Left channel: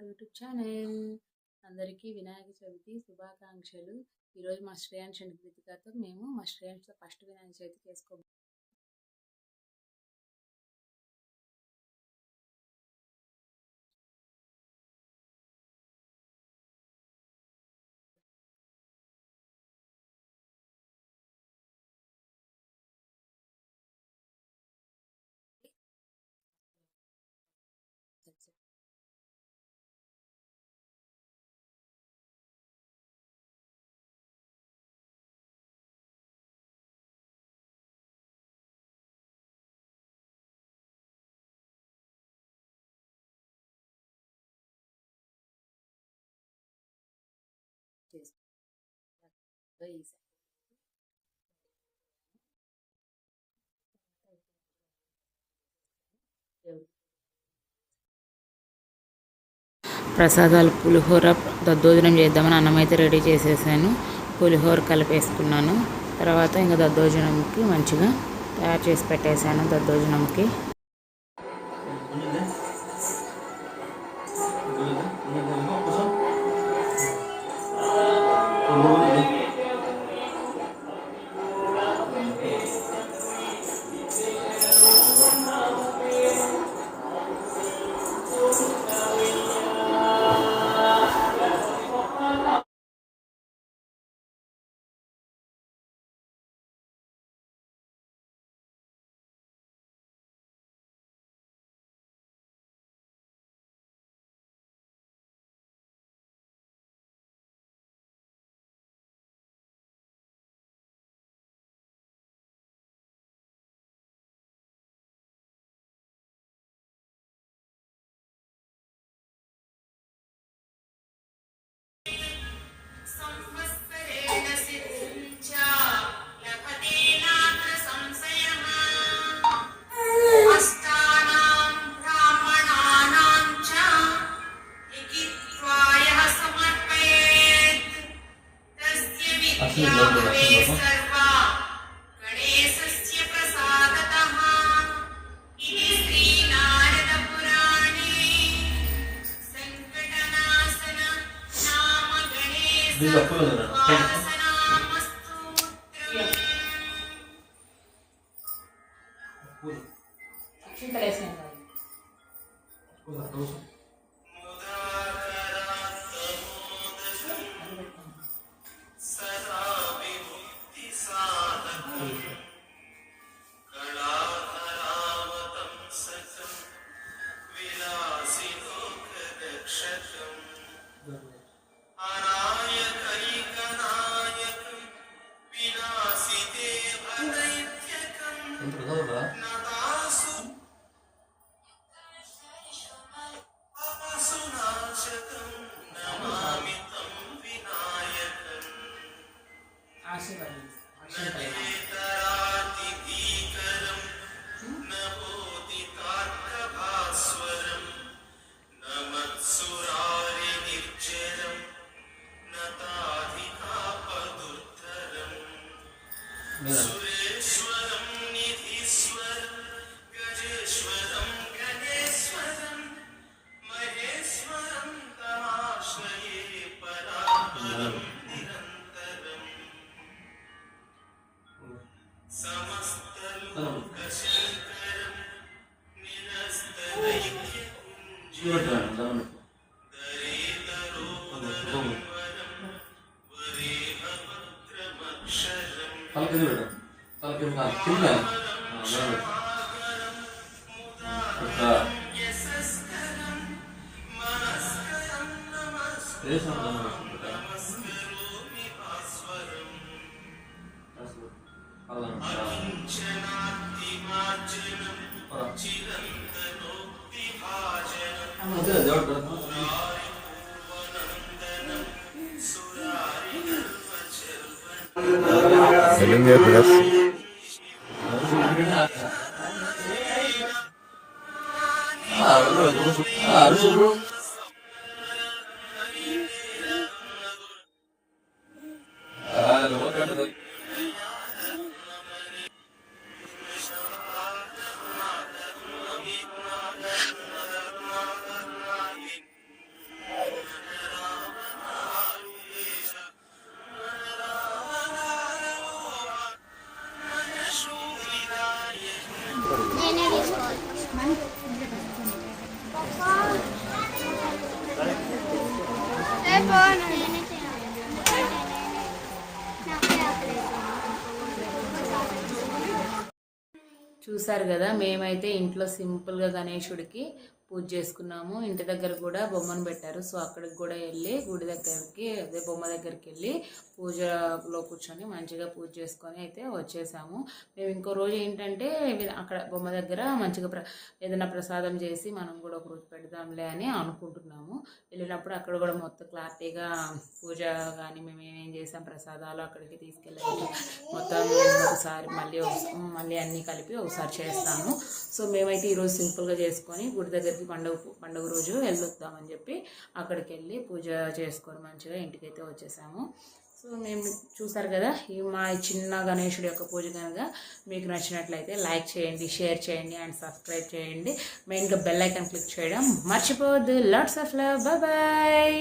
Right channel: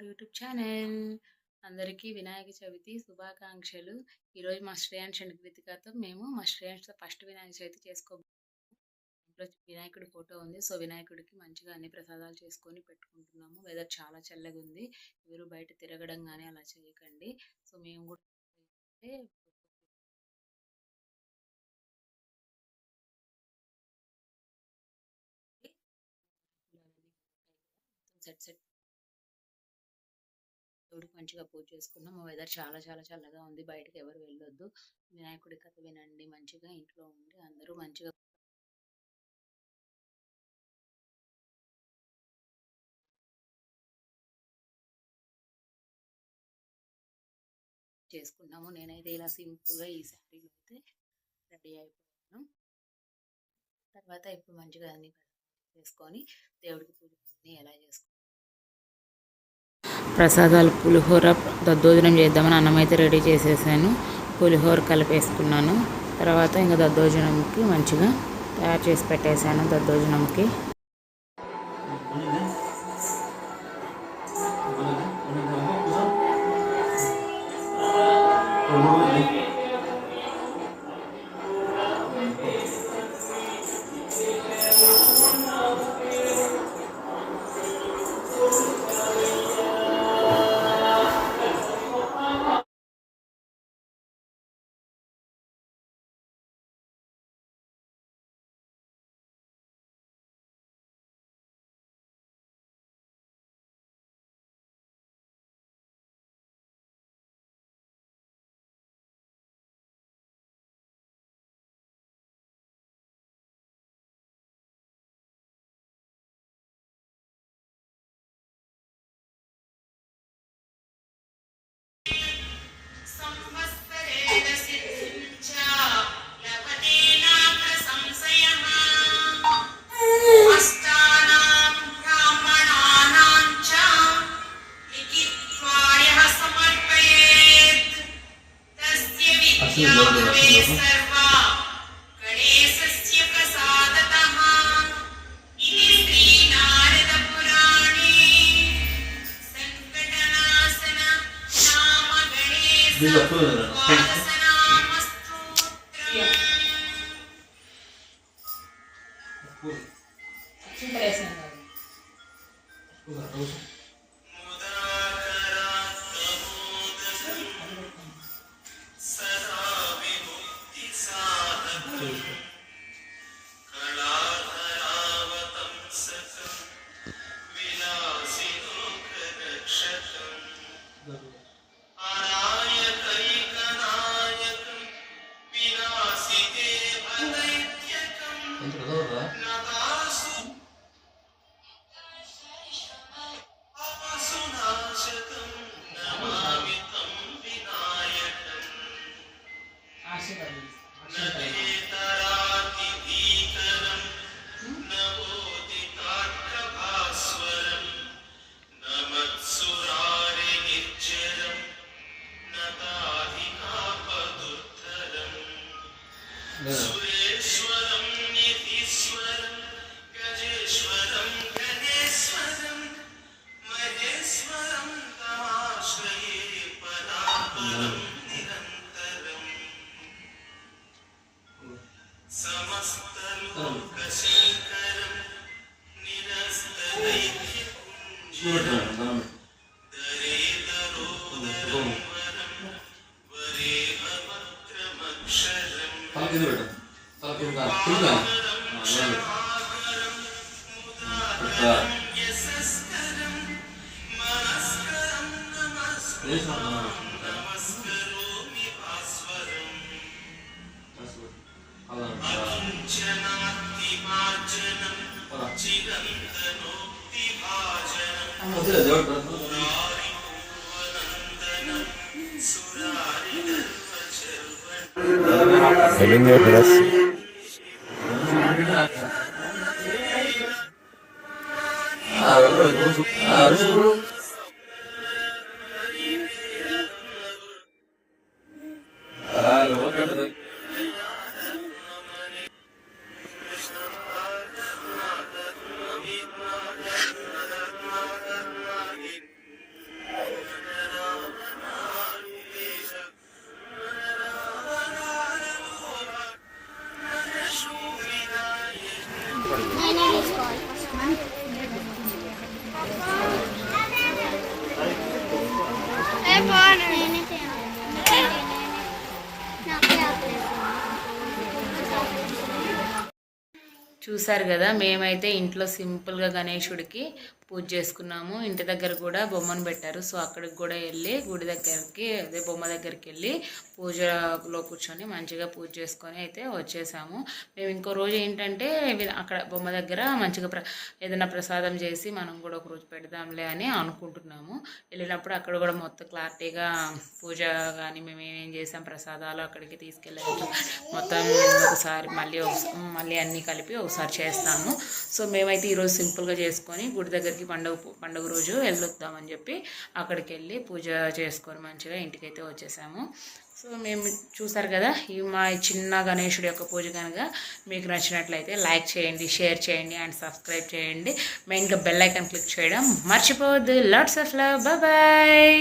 Our YouTube channel. అందరికీ వినాయక చవితి శుభాకాంక్షలు. ఈరోజు మా శ్రేయాన్స్ అండ్ కృతికతో మేము మా శ్రేయాన్స్‌తో ఫస్ట్ వినాయక చవితి ఇంట్లో వినాయకుడి ఫోటో ఉంది. సో, వినాయకుడికి మంచిగా అన్ని ప్రసాదాలు చేసుకొని పెట్టుకుంటున్నాము. వెదర్ చాలా చల్లగుంది. ఎవరు బయట తిరగడం గానీ అలా చేయకండి. సో, మేము కూడా అయితే సెట్ దేవుడికి మంచిగా పూజ చేసుకున్నాం. వెదర్ చాలా చాలా చల్లగా ఉంది. బయటకి ఎవరు వెళ్ళొద్దు. వినాయకుడి కథ వినండి. మంచిగా ఇంట్లో ఉండి అందరూ మంచిగా చేసుకున్నాము. నేనైతే ఇలా సింపుల్‌గా ఈ శారీలో అయితే రెడీ అయిపోయాను. తర్వాత ఇప్పుడు మంచిగా అన్ని చేసుకొని దేవుడికి పూజ ఎలా చేసుకుంటాం. ప్రసాదాలు పులిహోర దద్దోజనం చేద్దామని అన్నం అయితే రెడీ చేసేసాను. పులిహోర కలిపేసుకున్నాను. తర్వాత ఇంకా దద్దోజనంకి మంచిగా తయారు చేసి పెట్టేశాను. దద్దోజనంకి Elimle biraz. చూసారు కదా, మేమైతే ఇంట్లో సింపుల్గా గణేశుడికి పూజ చేసుకున్నాము. ఇంటి దగ్గర కూడా బొమ్మను పెట్టారు. సో అక్కడికి కూడా వెళ్ళి గుడి దగ్గరికి, అదే బొమ్మ దగ్గరికి వెళ్ళి పూజలో కూర్చొని మంచిగా పూజ చేసుకొని అయితే వచ్చేసాము. మేము ఇంకో రోజు ఏంటంటే అక్కడ బొమ్మ దగ్గర మంచిగా ఏదైనా ప్రసాదం చేసి మనం కూడా ఒక రోజు పెడదాంలే అని అనుకుంటున్నాము. వెళ్ళినప్పుడు అక్కడ కూడా మొత్తం క్లారిటీగా పూజ కానీ మేము ఏమేం చేసాం, ప్రసాదాలు అక్కడికి తీసుకెళ్ళాము మొత్తం ఒకసారి మళ్ళీ అన్నీ కలిపి ఒకసారి చేస్తాము. సో మేమైతే ఈరోజు సింపుల్గా చేసుకొని గుడి దగ్గరికి పండుగ రోజు వెళ్ళొద్దామని చెప్పి అక్కడికి వెళ్ళి పూజ చేసుకొని మంచిగా ఇంటికైతే వచ్చేసాము. సో మేము చూసారు కదా, ఈ మా చిన్న గణేశుడి యొక్క పూజ కనుక మీకు నచ్చినట్లయితే లైక్ చేయండి, షేర్ చేయండి అండ్ సబ్స్క్రైబ్ చేయండి. మెయిన్గా బెల్ ఐకాన్ క్లిక్ చేయడం మర్చిపోవద్దు. Lots of love. బాయ్.